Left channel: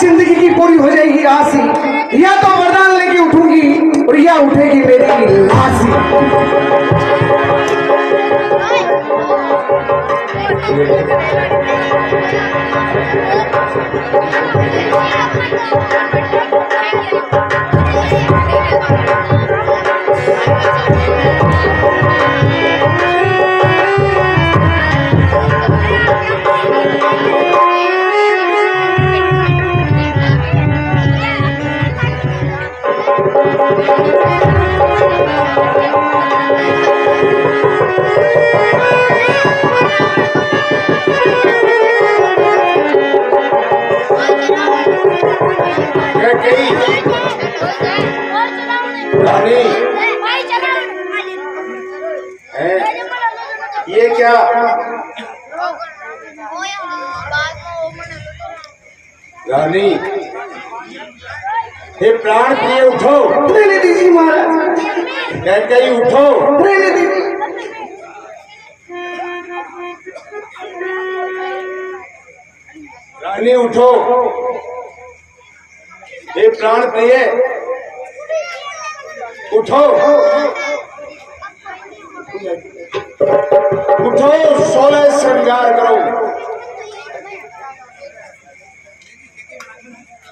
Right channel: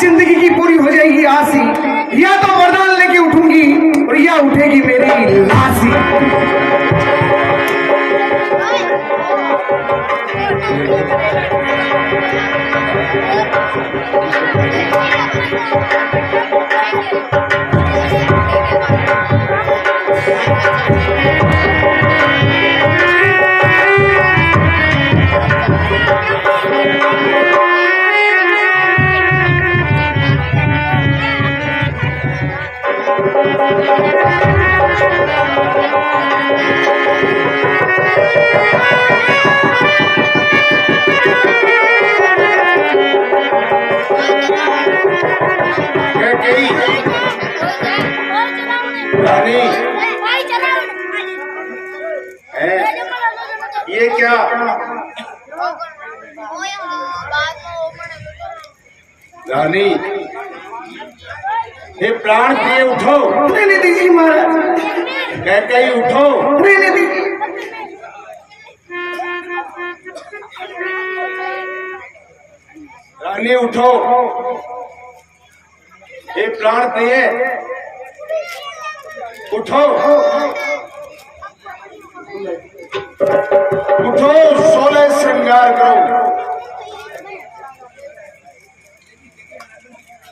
जिंदगी की पूरी हो जाएगी आसी, या तो वरदान लेके उठूंगी और या उठेगी मेरी लाशी। ये क्या? रानी, हे प्राण प्रिय उठो। रहने दीजिए महाराज, कहीं उठो। रहने दीजिए। रानी उठो। हे प्राण प्रिय उठो, उठो, सोलह श्रृंगार करो।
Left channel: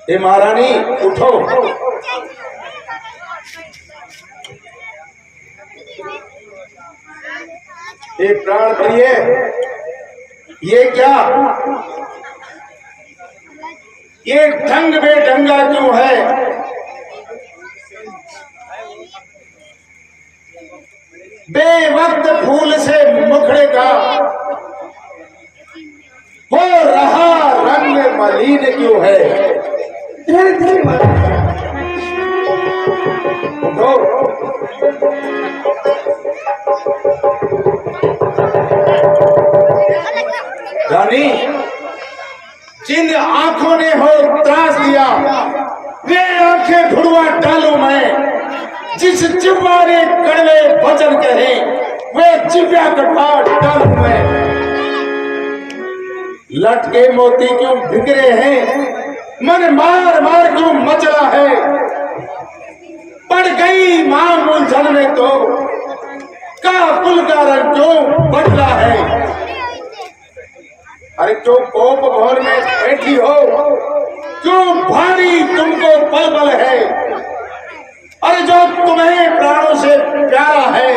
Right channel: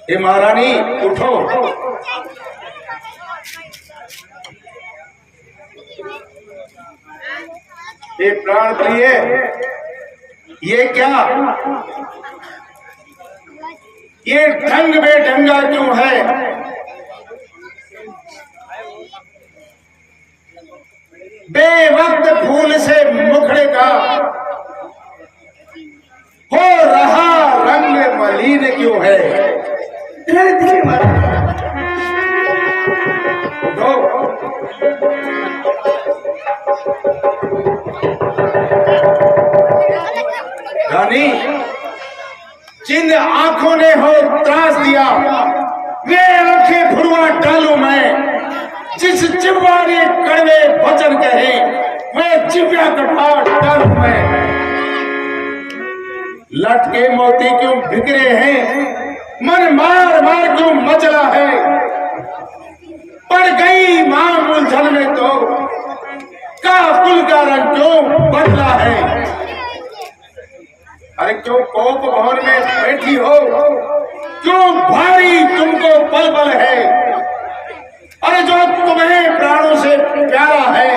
हे महारानी उठो। हे प्राण प्रिय, ये क्या? ये ढंग बेढंगा क्यों है? बेवक्त फूल से मुखड़े का हो रहा रंग मलिन क्यों है? उठो। रानी, जिन आंखों ने हो त्रास दिया, वे आंखें भुरवा डालू मैं। जिस जिह्वा ने कड़वे वचन कहे, वे जिह्वा कटा डालू मैं। लटके मोती क्यों बिखरे हैं, मन मार मार क्यों मचला है? पड़ गई मां उलझन में तो काबुल का रंग क्यों बदला है? अरे क्यों कोप भवन में बैठी हो? क्यों भारी तुमको पल पल है? अरे जो तुम्हें प्राणों से प्यारा है,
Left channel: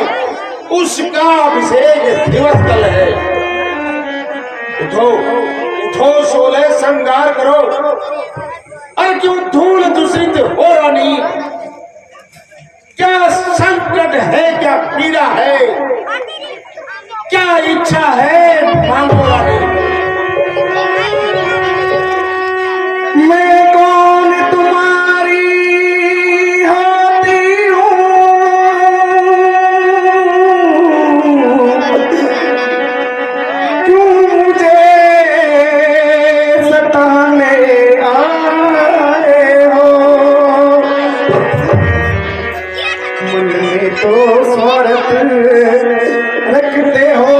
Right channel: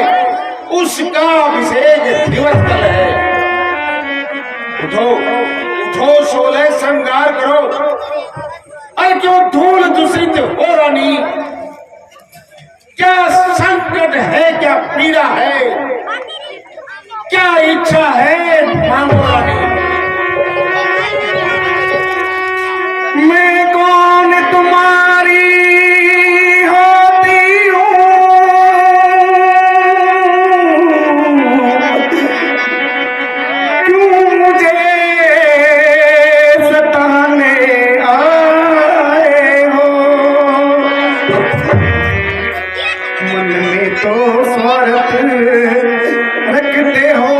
उसका अभिषेक दिवस कल है। उठो, उठो, सोलह श्रृंगार करो। अरे क्यों धूल दूषित हो रानी? क्या संकट है, क्या पीड़ा है, क्या इच्छा है, मांगो रानी। मैं कौन तुम्हारी होती हूँ, क्यों मुझे सताने आए हो? मन में तो स्वार्थ रखते हो,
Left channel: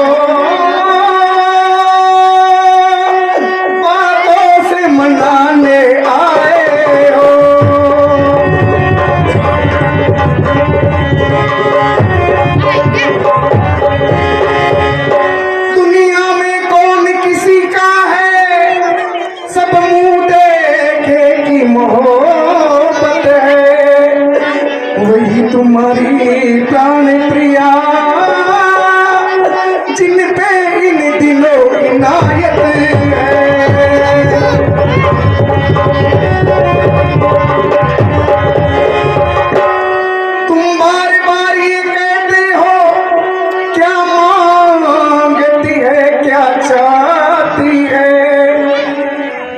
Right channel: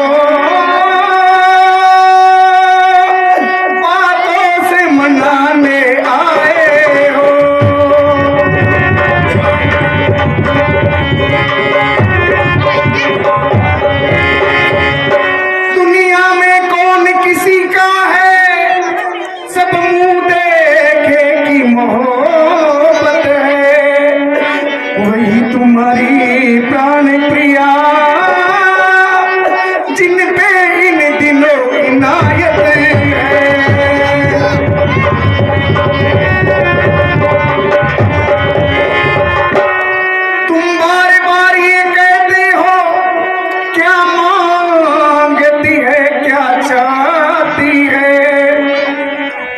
बातों से मनाने आए हो। दुनिया में कौन किसी का है, सब मुंह देखे की मोहब्बत है, वही तुम्हारी प्राण प्रिया, जिन पे इन दिनों इनायत है। तुम बार बार ये कहते हो, क्या मांगती है, क्या चाहती है?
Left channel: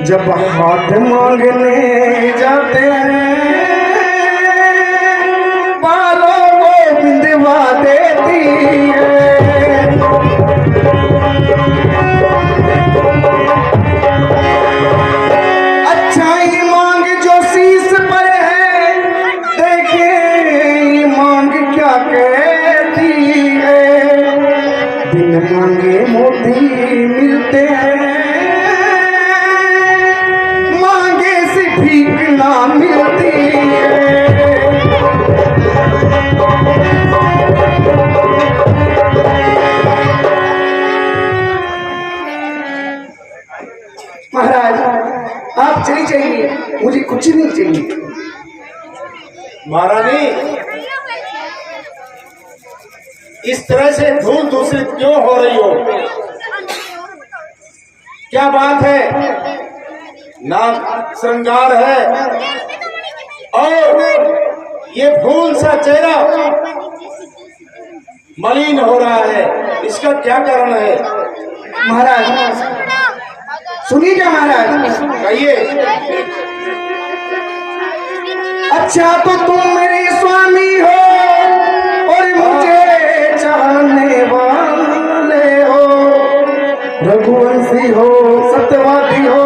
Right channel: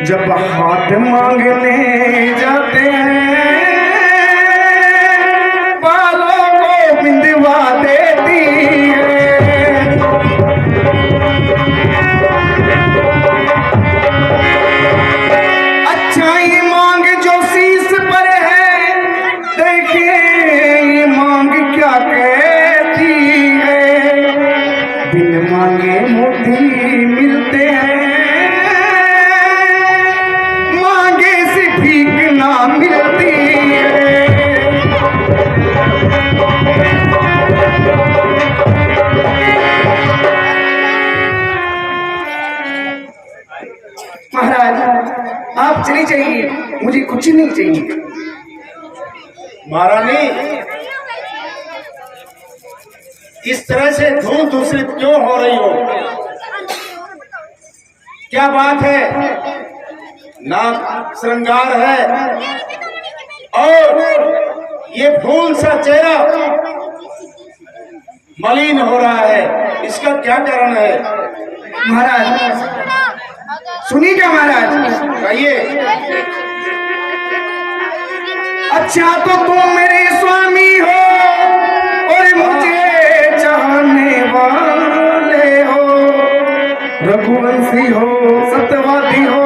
जब हाथ मांगने जाते हैं, बालों को बिंदवा देती है। अच्छा ये मांग जो शीश पर है, देखिए ये मांग क्या कहती है। बिन मांगे मोती मिलते हैं, मांगे से चली चाहिए, मुझे कुछ नहीं चाहिए। महारानी, इस तरह से धूल दूषित क्यों हो रही हो? क्या बात है? ना श्रृंगार है और ये फूल सा चेहरा मलिन हो रहा है, इसका क्या कारण है? महाराज सुनिएगा महाराज, कहिए। अच्छा तो तुम मेरे स्वामी हो और मुझे चाहने वाले हो, रघुवंशी हो, सत्यवादी हो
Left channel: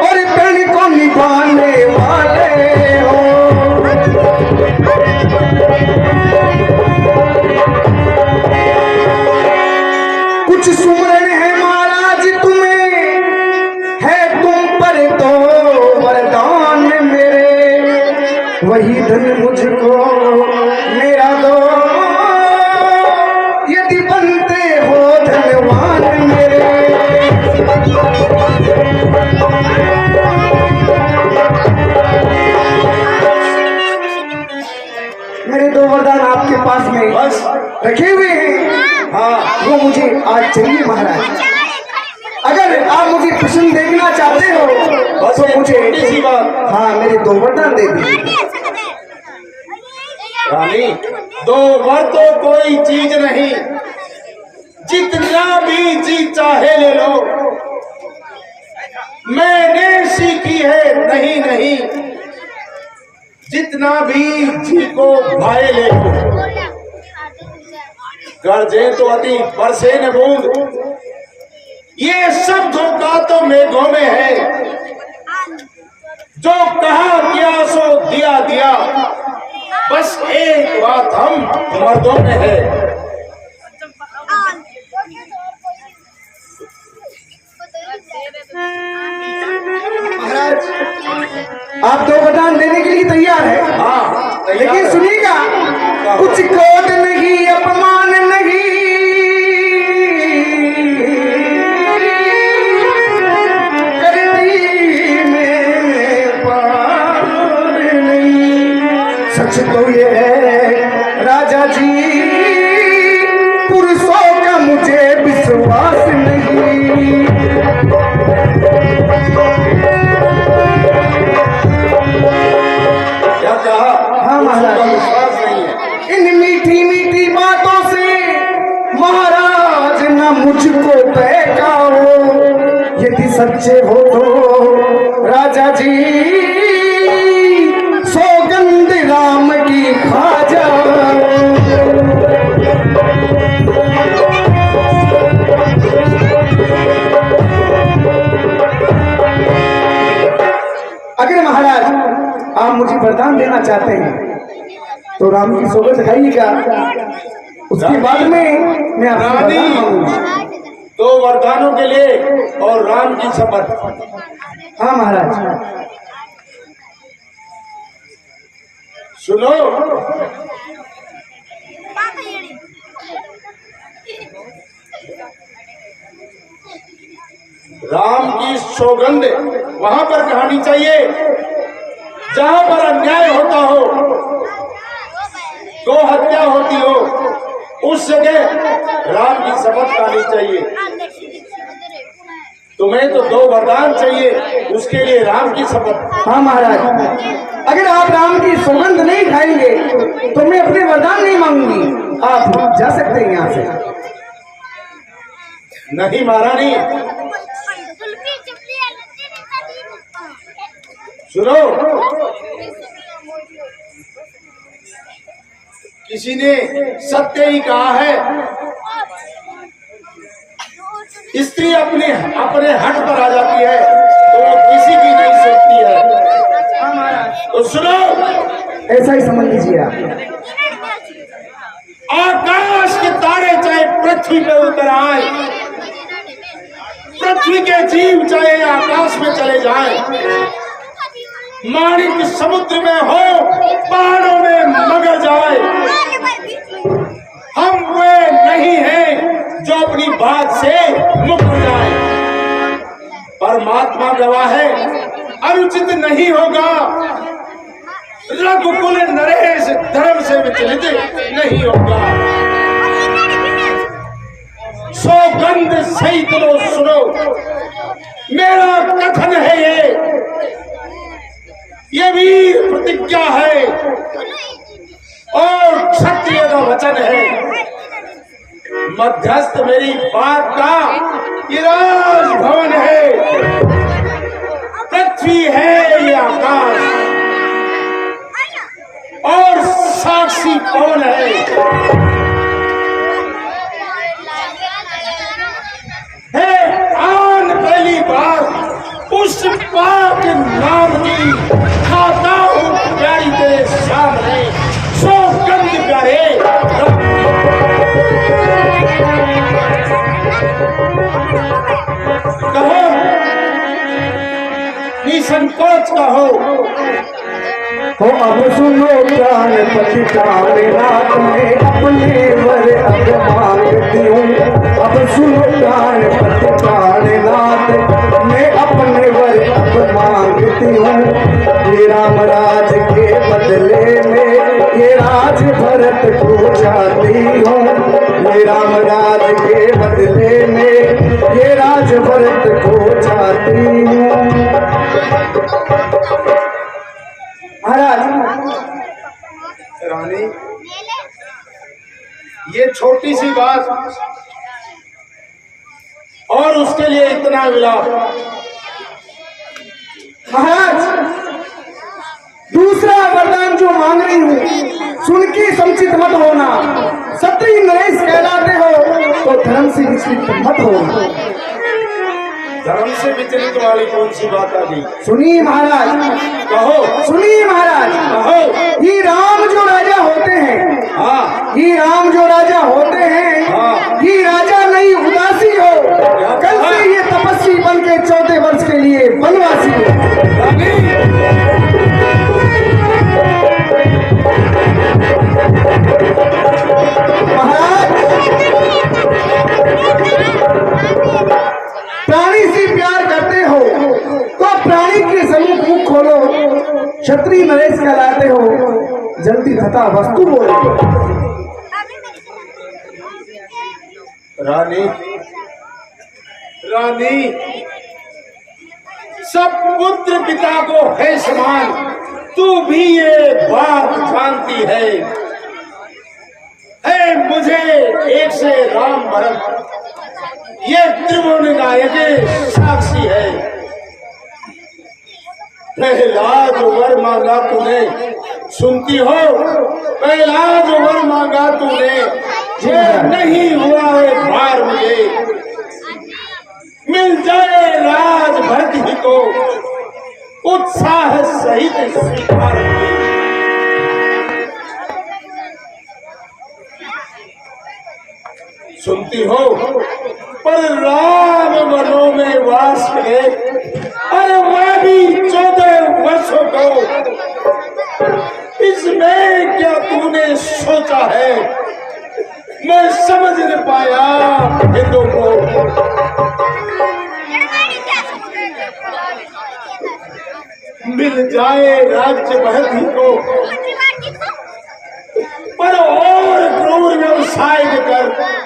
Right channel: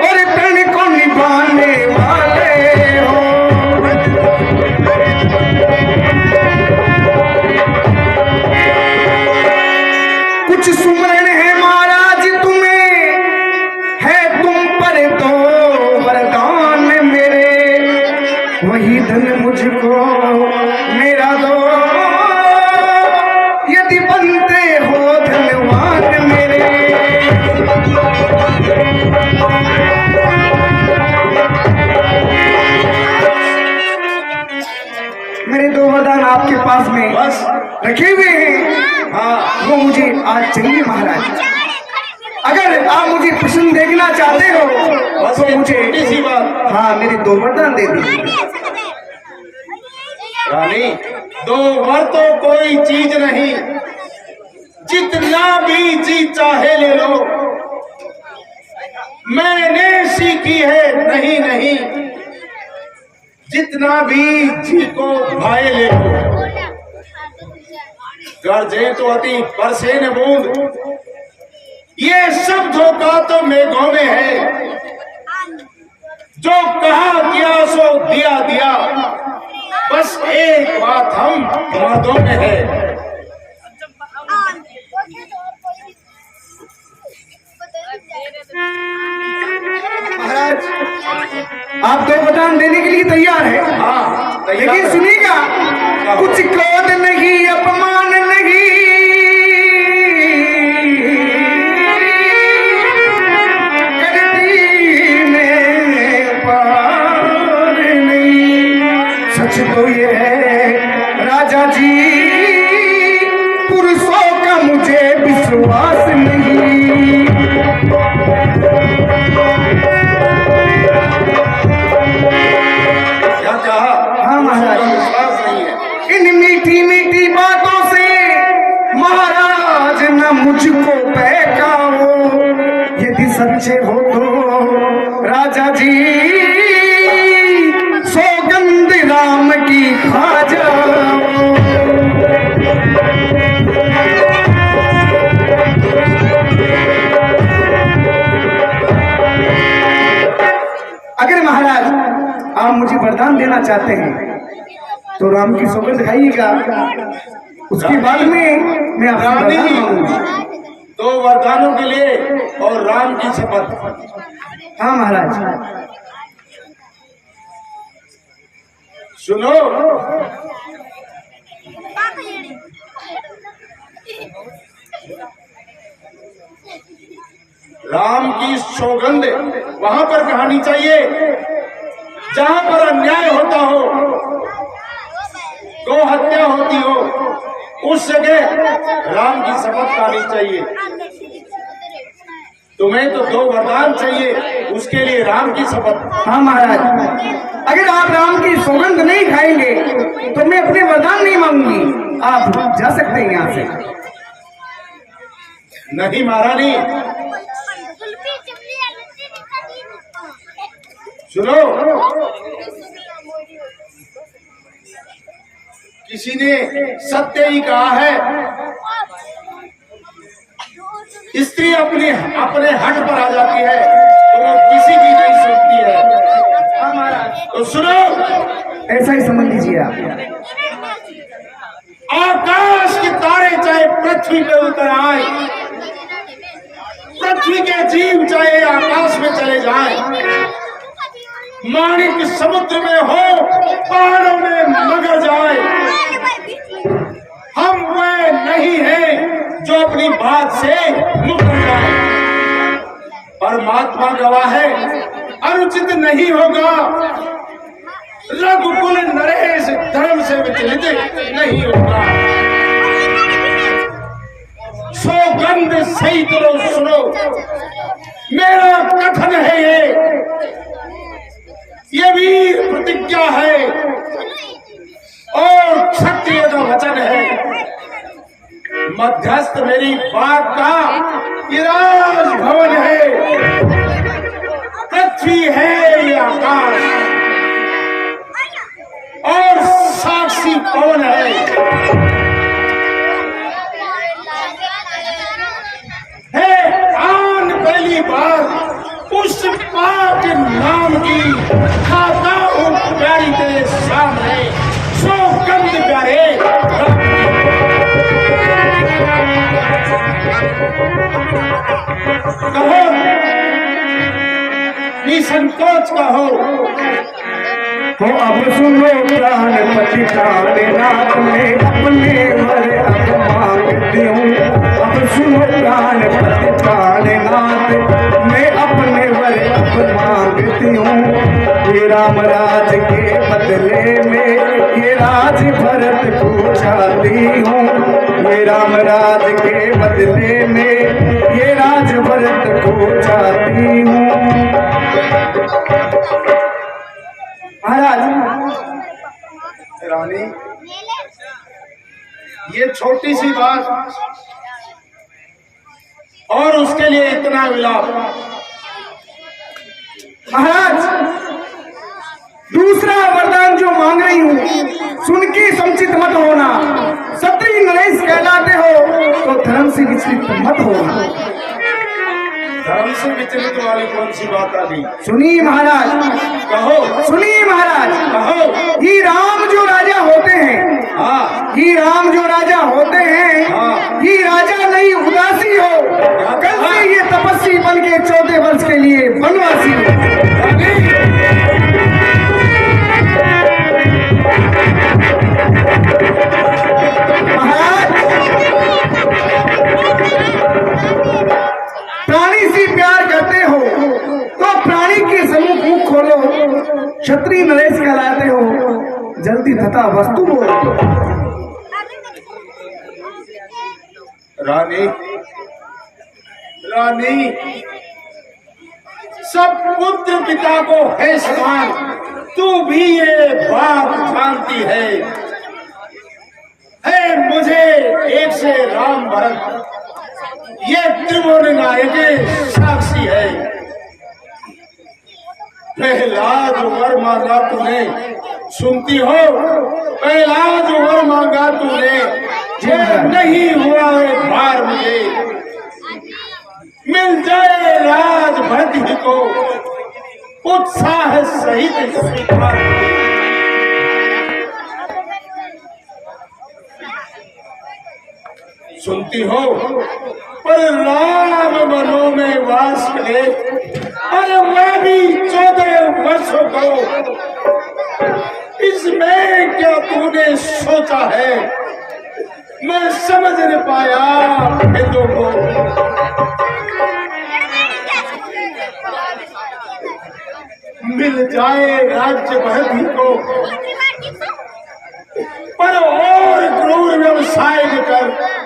और प्रण को निभाने वाले हो। कुछ सुमरण है महाराज तुम्हें, है तुम पर तो वरदान मेरे, वही धन मुझको मेरा दो, यदि बनते हो धनवान मेरे। मेरे दो वरदान आपके पास में बस रखे हुए हैं, हाँ वो मुझे आज चाहिए महाराज। अगर आप मुझे प्रसन्न देखना चाहते हो बस तो ये मुझे छोटी सी बात। हाँ मेरे दो वरदान दे दीजिए। रानी, दो वर तो कोई चीज नहीं, जितना भी जी चाहे ले लो। मैंने सीखी है नहीं नहीं, जितना भी जी को भाए ले लो। गरजे तो अति बरसे न बूंद, ये सब धोखा तो मेघों में है। जो कहा किया सो दिया दिया, बस एक बात हम मर्दों में है। महाराज आप दो वरदान देने के लिए तैयार है, हाँ, लेकिन सुनिएगा, कुछ क्रोध नहीं, अपमान नहीं, करती में पार नहीं। सच तो ये है राजा जी, पुरुषों का मुझे विश्वास नहीं। क्या कहा? हाँ महाराज, विश्वास नहीं है। इन मीठी मीठी बातों से महाराज न मुझको बहकाओ, यदि सच्चे हो तो राजा जी सौगंध राम की खा जाओ। अगर महाराज आप मुझे वरदान देना चाहते हैं तो राम की सौगंध खाइएगा, उसके बाद में मैं आपसे रानी, वरदान मांगूंगा। दो वरदानों के लिए और राम की शपथ। हाँ महाराज, सुनो, राम की सौगंध वहां पर कहानी चाहिए जहां पर अन्याय होता हो, गो हत्या होती हो, उस जगह राम की शपथ खानी चाहिए। तुम्हें तो दो वरदान चाहिए, उसके लिए राम की शपथ। हाँ महाराज, अगर आप राम की सौगंध नहीं खाएंगे तो मैं अपने वरदान नहीं मांगूंगी, आप जा सकते हैं यहाँ से। नहीं महारानी, सुनो, किसी ने सत्य ही कहा है, स्त्री अपने अपने हट पर आ जाती है तो वो किसी की नहीं सुनती है। हाँ महाराज, तो सुनो, ऐसा ही समझ लीजिए आप। आकाश के तारे चाहे पृथ्वी पे उतर आए, पृथ्वी के जीव चाहे आकाश में चले जाएं, माणिक समुद्र में हो, पहाड़ों में मगर जाए, हम वे नहीं हैं जो अपनी बात से मुकर जाए। परमात्मा गवाह है, अनुचित नहीं होगा। रघुकुल नरेश धर्म से विचलित नहीं होगा। सौगंध सही तो सुनो, मेरा कथन है ये वीर प्रतिज्ञा है और क्षत्रिय का वचन है। मध्यस्थ मेरी बात का ये राजभवन है, पृथ्वी है ये आकाश और साक्षी कौन है। आन पहली बार उस पाक नाम की खाता हूँ प्यारी तेरे सामने, सौगंध करे। कहो निसंकोच कहो। तो अब सुनो प्राण पति प्राणनाथ में अपने वर अब मांगती हूँ। अब सुनो प्राण पति प्राणनाथ मैं अपने वर अब मांगती हूँ। ये राम राज के बदले में ये राज भरत को चाहती हूँ। ये राम राज के बदले में ये राज भरत को चाहती हूँ। रानी, ये छोटी सी बात और उसके लिए इतना विलाप। महाराज, दूसरा वरदान जो मांग रही हूँ सुन के संचित मत होना। क्षत्रिय नरेश कहलाते हो तो धर्म से विचलित मत होना। धर्म से विचलित वाली कौन सी बात आ गई? सुनिए महाराज, कहो। सुनिए महाराज, कहो। ये राम जो राजा होते हैं, हाँ, ये राम जो राजा होते हैं, हाँ, ये राजा नहीं उदासी हो। कल से ये तपस्वी बन के 14 वर्ष के लिए वनवासी हो। प्राणी से प्यार करते हो तो प्राणी के सम्मुख मुख खोलो। क्षत्रिय नरेश कहलाते हो, जल्दी तथा वस्तु बोलो। रानी, रानी, सब पुत्र पिता को है समान, तू भी ये बात जानती है। मुझे एक से राम भरत ये त्रिभुवन नायक साक्षी है। पहला जो वर मांगा तूने, सुनती हो, पहला जो वर मांगा तूने ये नहीं हुआ है भार मुझे। मिल जाए राज भरत ही को उत्साह सहित स्वीकार। सुनती हो, पर राम वनों में वास करे, अरे वह भी 14 वर्षों को, इसमें क्या तूने सोचा है? मैं समझ नहीं पाया हिंदू को। मिल जाए राज्य बहती को, पर और क्रूर व्यवसाय कर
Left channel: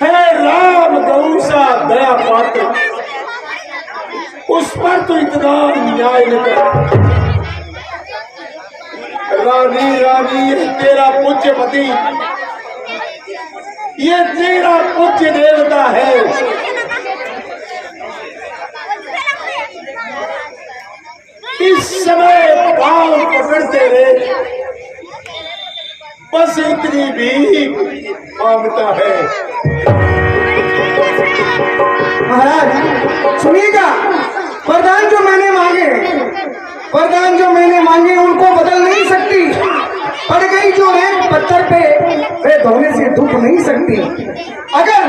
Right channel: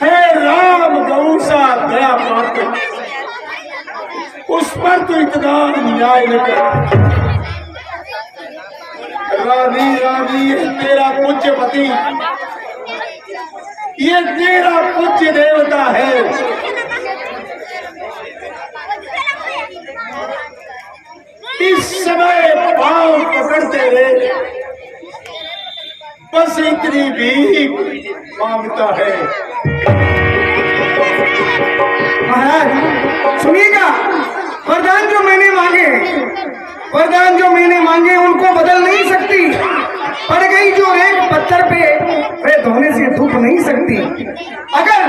है राम गौ सा दया पात्र, उस पर तो इतना न्याय न कर। रानी, रानी, ये तेरा पूज्य पति, ये तेरा पूज्य देवता है। इस समय पांव पकड़ते रहे, बस इतनी भी मांगता है। महाराज सुनिएगा, वरदान जो मैंने मांगे, वरदान जो मैंने मांगे उनको बदल नहीं सकती। पड़ गई जो रेत पत्थर पे, वे धोने से धुप नहीं सकती। अगर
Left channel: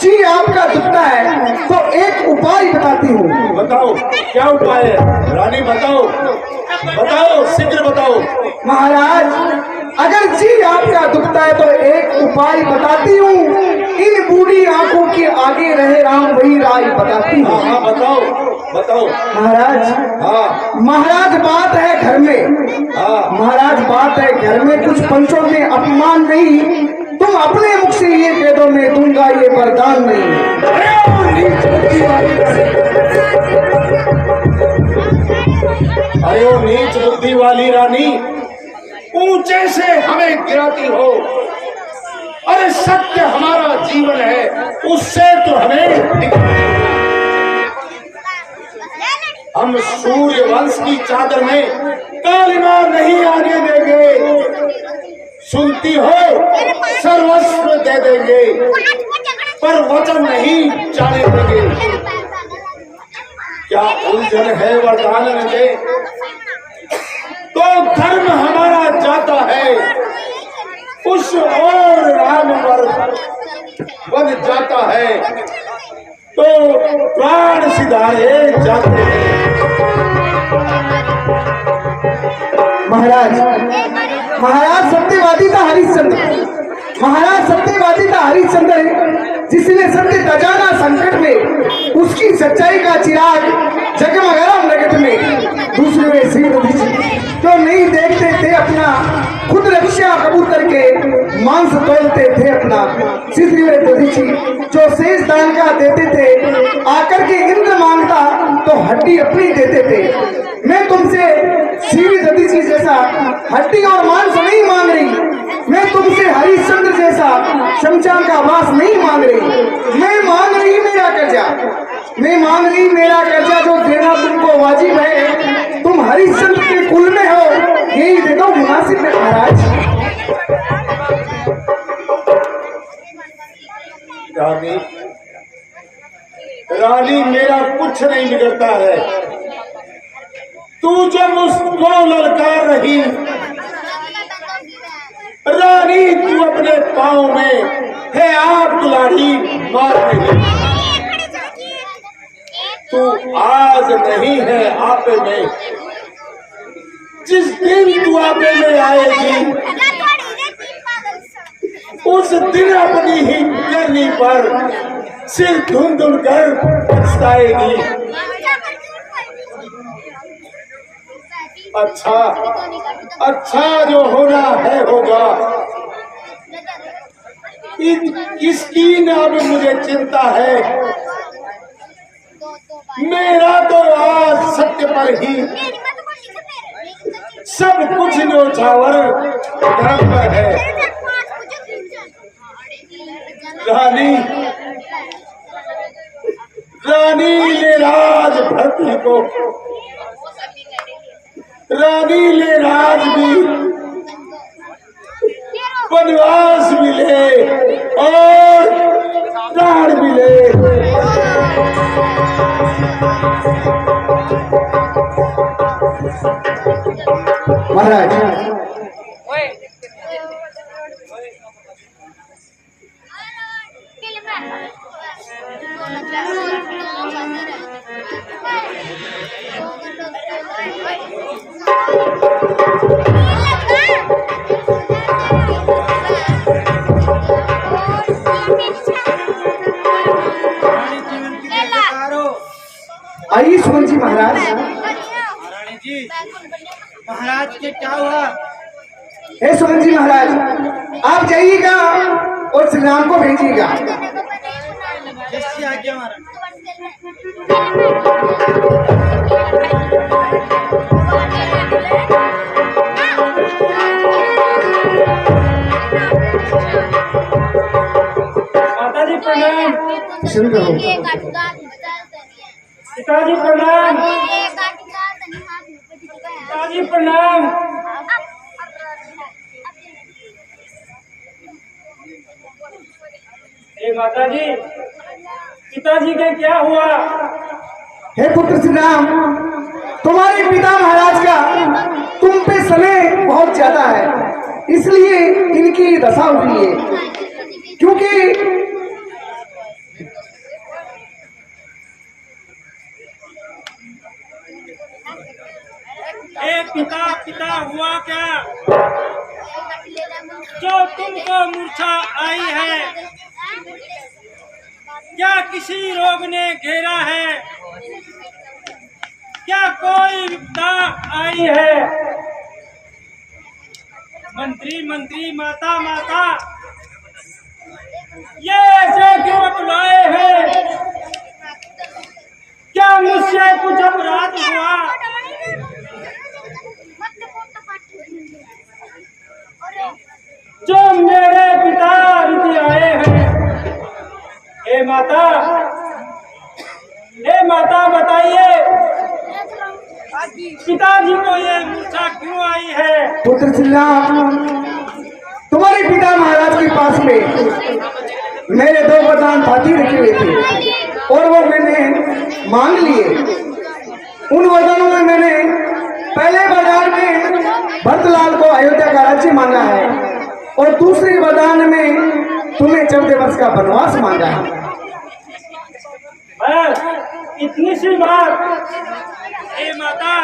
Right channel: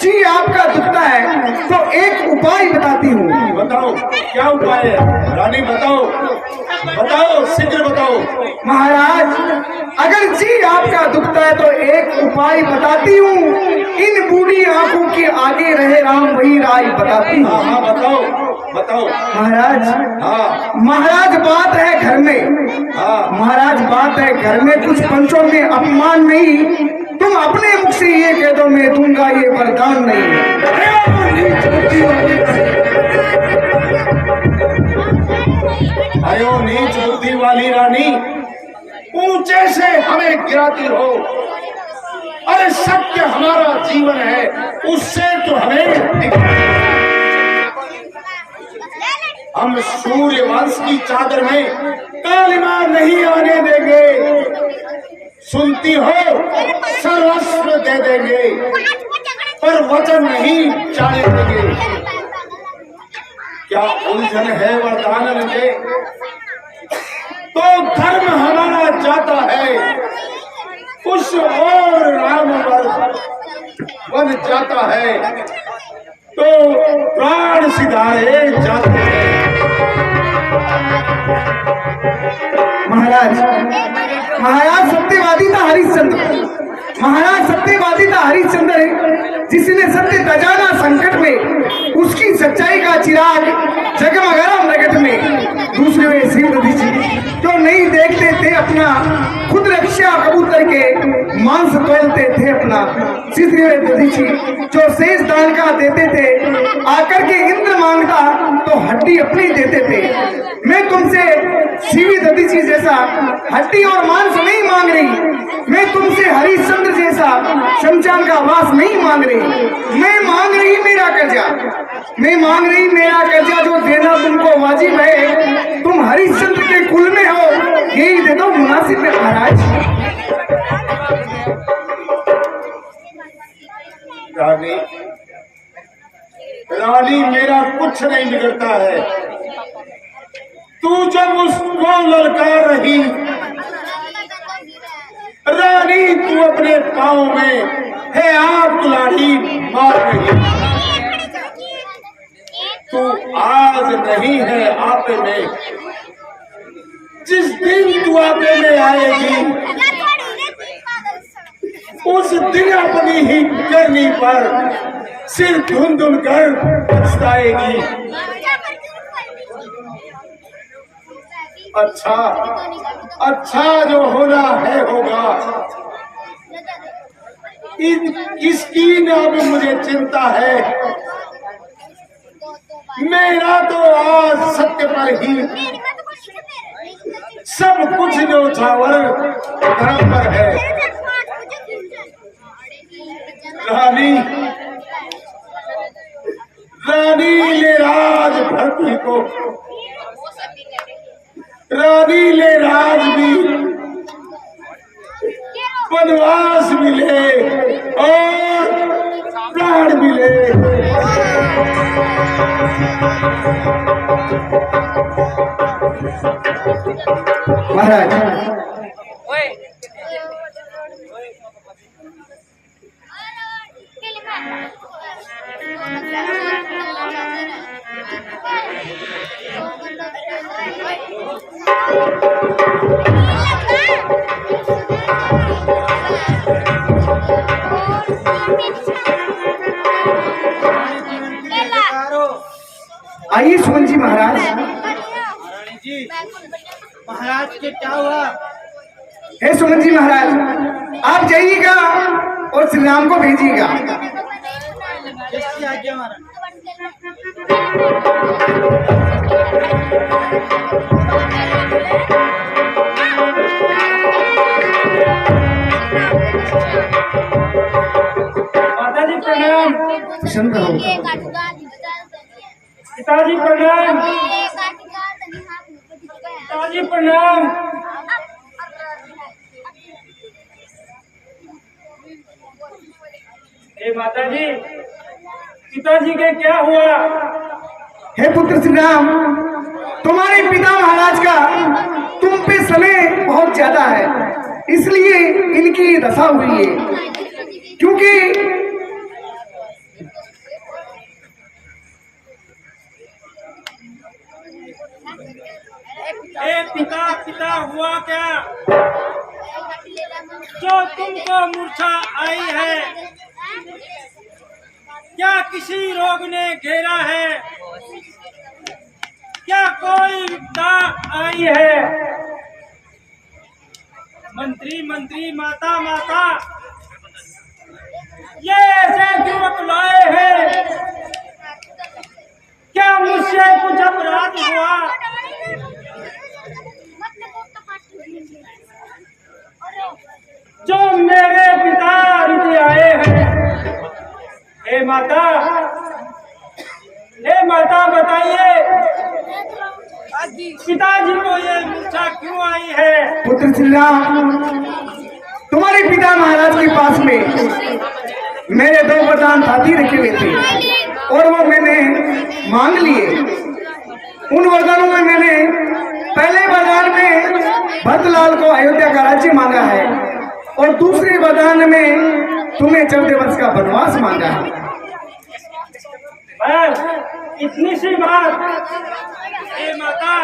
जी आपका दुखता है तो एक उपाय बताती हूँ। बताओ, क्या उपाय है? रानी बताओ, बताओ, शीघ्र बताओ। महाराज, अगर जी आपका दुखता है तो एक उपाय बताती हूँ। इन बूढ़ी आंखों की आगे रहे राम वही राय बताती हाँ हूँ। हाँ बताओ बताओ। महाराज, हाँ महाराज बात है घर में, हाँ महाराज बात है घर में, कुछ पंचों में अपमान नहीं, तुम अपने मुख से ये कह दो मैं दूंगा ये वरदान नहीं। अरे ओ नीच बुद्धि वाली रानी, ऊंचे से हमें गिराती हो। अरे सत्य हमारा जीवन है, उससे तो हमें हम सूर्य वंश की चादर में कालिमा नहीं आने देंगे। सुनती हो, सर्वस्व दे देंगे पर वचन नहीं जाने देंगे। क्या उलझन है वरदान दे तो धर्म हमारा जाता है, उस और राम बन जाता है तो प्राण सिधारे जाते हैं। महाराज, महाराज सत्यवादी था हरिश्चंद्र, महाराज सत्यवादी था हरिश्चंद्र, जिसने सत्य तजाना संकट में, उसकी सच्चाई का चिराग जगमगा नगट में। दूसरे वे सिंह दधीची जो नहीं देखते थे अपना, खुद रक्षा कबूतर के मांस तोलते थे अपना। तीसरे वे दधीची जो शेष दान का देते थे, आकर के इंद्र मांगता तो हड्डी अपनी देते थे। मैं तुमसे सीवी दधीची जैसा हड्डी और मांस नहीं मांग रही, मैं तुमसे हरिश्चंद्र जैसा शमशान का वास नहीं मांग रही। मैं मांग रही मेरा कर्जा, मैं मांग रही मेरा कर्जा जो देना तुमको वाजिब है। तुम हरिश्चंद्र के कुल में हो, यही दे दो मुनासिब है महाराज। रानी, रानी मेरा कुछ नहीं बिगड़ता है। तू जब उसको ललकार रही रानी, तू अपने पाँव में है आप कुल्हाड़ी मार रही। तू आज नहीं है आपे में, जिस दिन तू आपे में आएगी उस दिन अपनी ही करनी पर सिर धुन कर पछताएगी। अच्छा अच्छा जो होना है होगा, इसकी न अब मुझे चिंता है। मेरा तो आज सत्य पर ही सब कुछ न्योछावर धर्म पर है। रानी, रानी ले राज भरती को, रानी ले राज भी, वनवास मिले और प्राण मिले। महाराज, आइए सुमन जी महाराज। महाराज से क्या हुआ? हे सुमन जी महाराज, आप जाइएगा और श्री राम को भेजिएगा। जिसकी आज्ञा महाराज। माताजी प्रणाम। प्रसन्न रहो। पिताजी प्रणाम। पिताजी प्रणाम। हे माताजी, पिताजी के क्या हुआ? हे पुत्र श्री राम, तुम्हारे पिता महाराज का तुम पे समय बहुत ज्यादा है, इसलिए इनकी दशा हुई है। क्योंकि ए पिता, पिता हुआ क्या जो तुमको मूर्छा आई है? क्या किसी रोग ने घेरा है? क्या कोई विपदा आई है? मंत्री मंत्री माता माता ये ऐसे क्यों बुलाए हैं? क्या मुझसे कुछ अपराध हुआ? जो मेरे पिता रुक आए हैं। हे माता बताइए पिताजी को ये मूर्छा क्यों आई है? पुत्र श्री राम, तुम्हारे पिता महाराज के पास में मेरे 2 वरदान हाथी रखे हुए थे और वो मैंने मांग लिए। उन वरदानों में मैंने पहले वरदान में भरतलाल को अयोध्या का राज्य मांगा है और दूसरे वरदान में तुम्हें 14 वर्ष का वनवास मांगा है। बस इतनी सी बात? हे माता,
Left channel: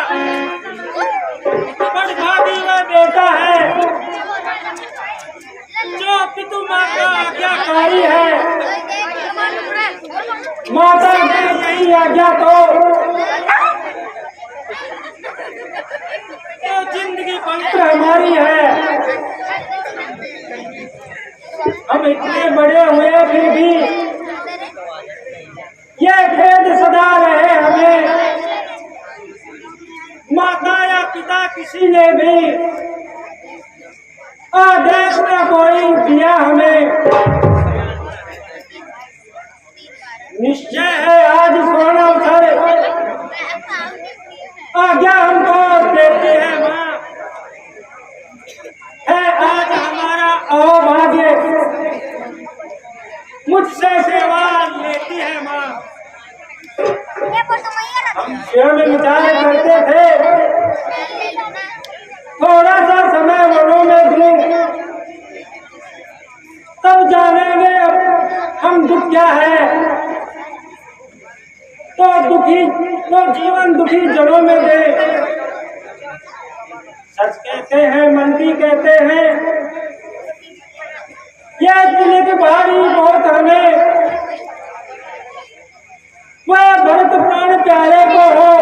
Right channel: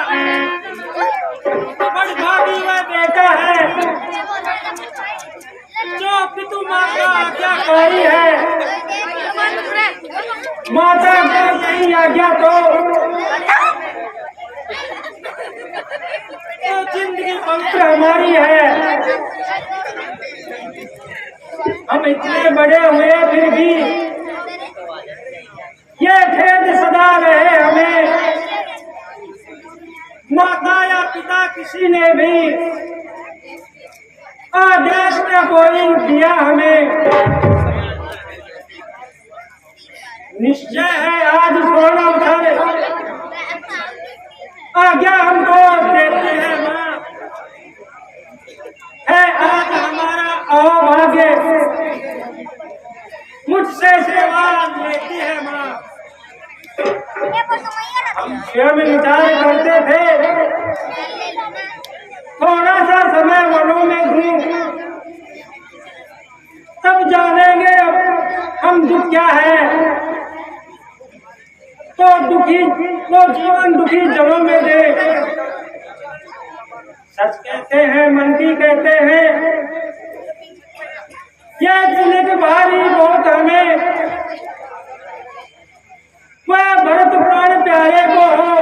बड़भागी वह बेटा है जो पितु माँ का आज्ञाकारी है। माता की नहीं आज्ञा तो जिंदगी पवित्र हमारी है। हम इतने बड़े हुए फिर भी ये खेद सदा रहे हमें। माता या पिता किसी ने भी आदेश न कोई दिया हमें। निश्चय है आज सोना उठे आज्ञा हमको देती है माँ। है आज हमारा अहोभाग्य मुझसे सेवा लेती है माँ। हम स्वयं विचार करते थे थोड़ा सा समय वनों में दूं तब जानेंगे अब हम दुख क्या है। तो जीवन दुखी जनों में दे। सच कहते हैं मन की कहते हैं यह तिलक भारी बहुत हमें। वह भरत प्राण प्यारे को हो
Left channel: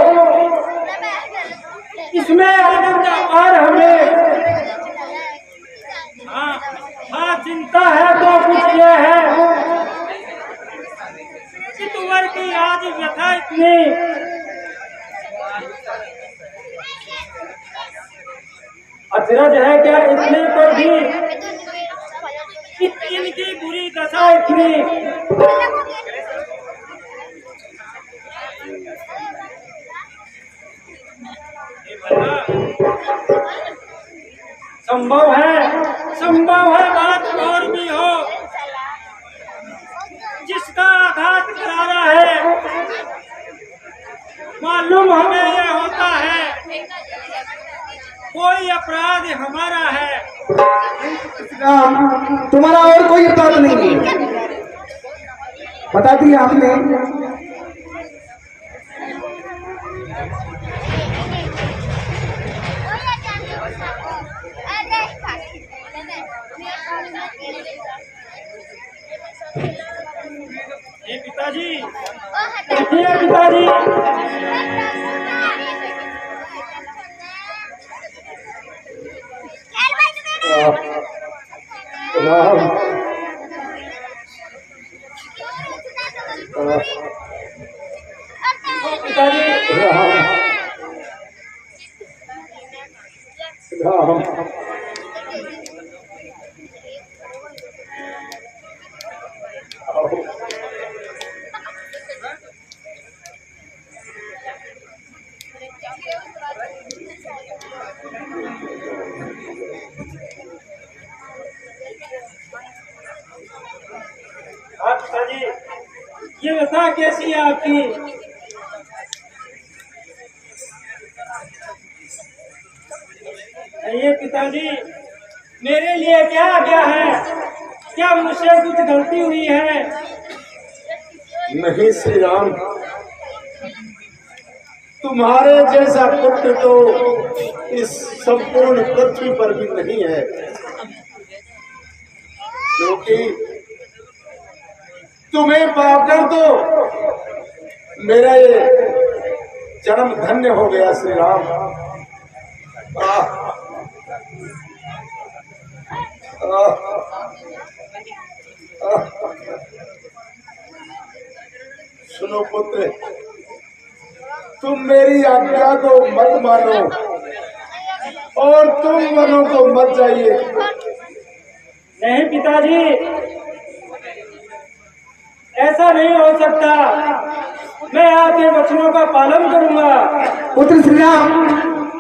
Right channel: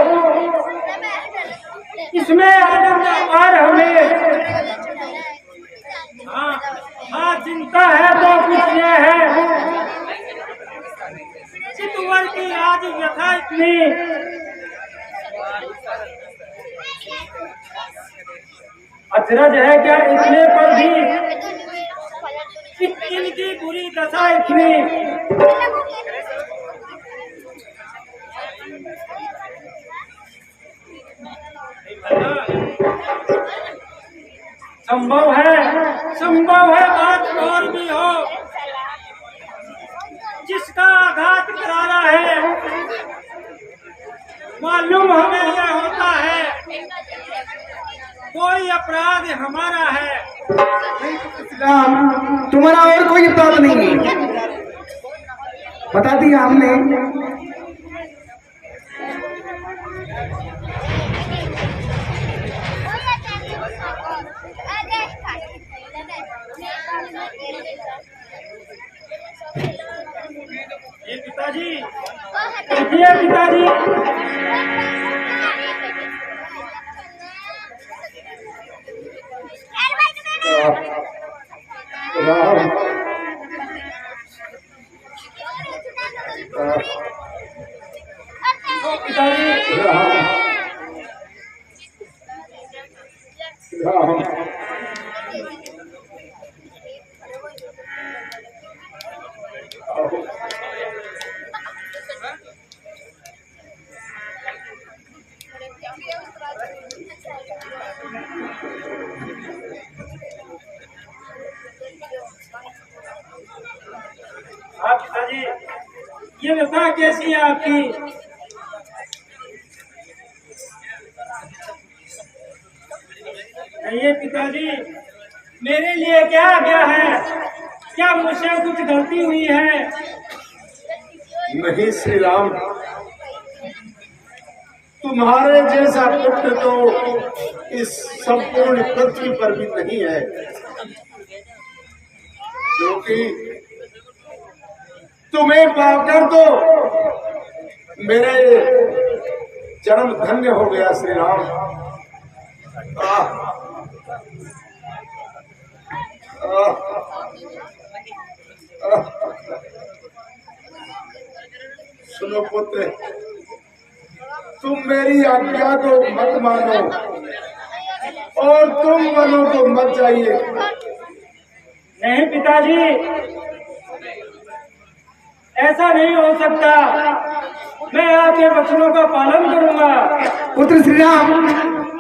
इसमें आनंद अपार हमें। हाँ चिंता है तो कुछ ये है कि तुवर की आज व्यथा इतनी। अचरज है क्या इतने पर भी इनकी बुरी दशा इतनी। संभव है बात और भी हो। जिसका आघात करारा है मालूम हमें यह होता है कोई अपराध हमारा है। राम, तुम्हारा और कोई अपराध नहीं है, बता दिया हमने। ये पिताजी देखिए पिताजी राम, पिताजी राम, हाँ पिताजी ये व्यथा कैसी है आपकी? ये पिताजी मेरे लिए क्या आज्ञा है? क्या मुझसे कुछ गलती हुई है? नहीं श्री राम, तुम्हारे जैसा पुत्र तो इस संपूर्ण पृथ्वी पर भी नहीं है, क्योंकि तुम्हें पाकर तो मेरा ये जन्म धन्य हो गया श्री राम। आह, आह, आह। सुनो पुत्र, तुम मेरी आज्ञा को मत मानो और तुम वनों को मत जाइए। नहीं पिताजी, ऐसा नहीं हो सकता। मैं आपके वचनों का पालन करूंगा। पुत्र श्री राम,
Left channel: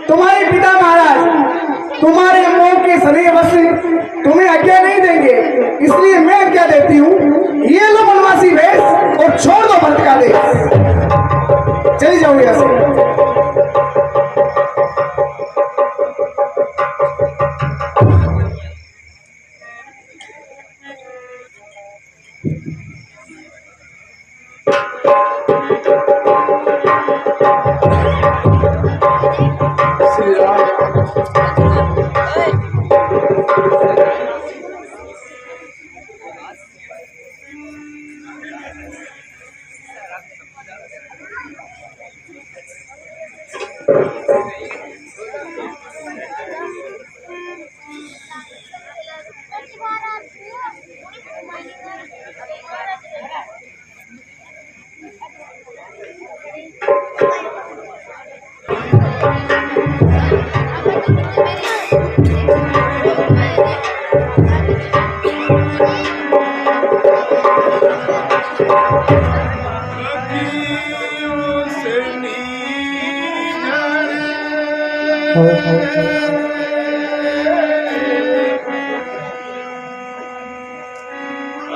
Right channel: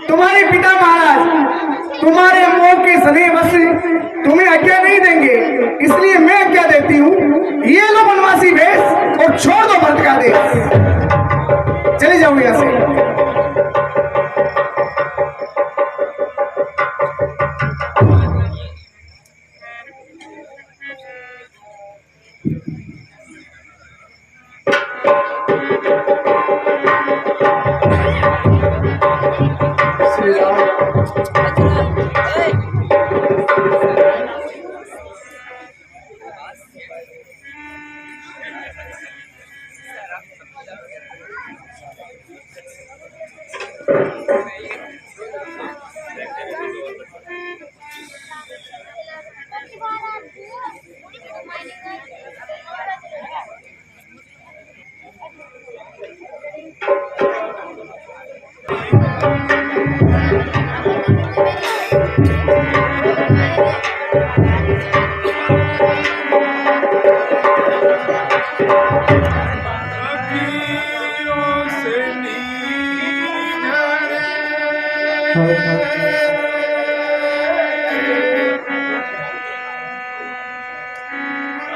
तुम्हारे पिता महाराज तुम्हारे मोह के सदैवश तुम्हें आज्ञा नहीं देंगे, इसलिए मैं आज्ञा देती हूँ, ये लो वनवासी वेश और छोड़ दो भरत का देश। चले जाओ यहाँ से। श्री राम,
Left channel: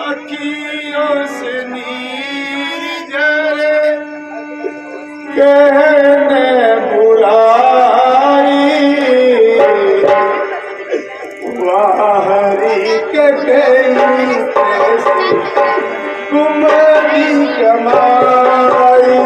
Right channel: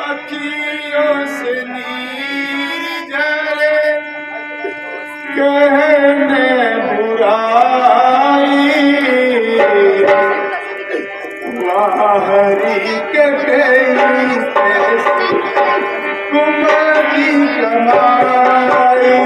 अखियों से नीर झरे कहने बुराई, बाहरी के गई कुमारी कमाई।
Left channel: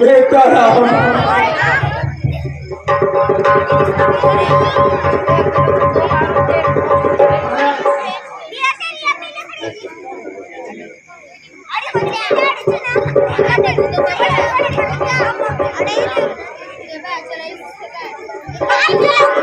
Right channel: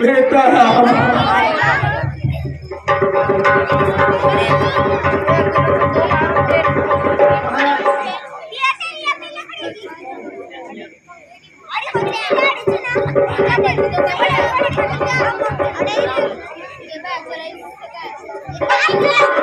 बेटा राम अरे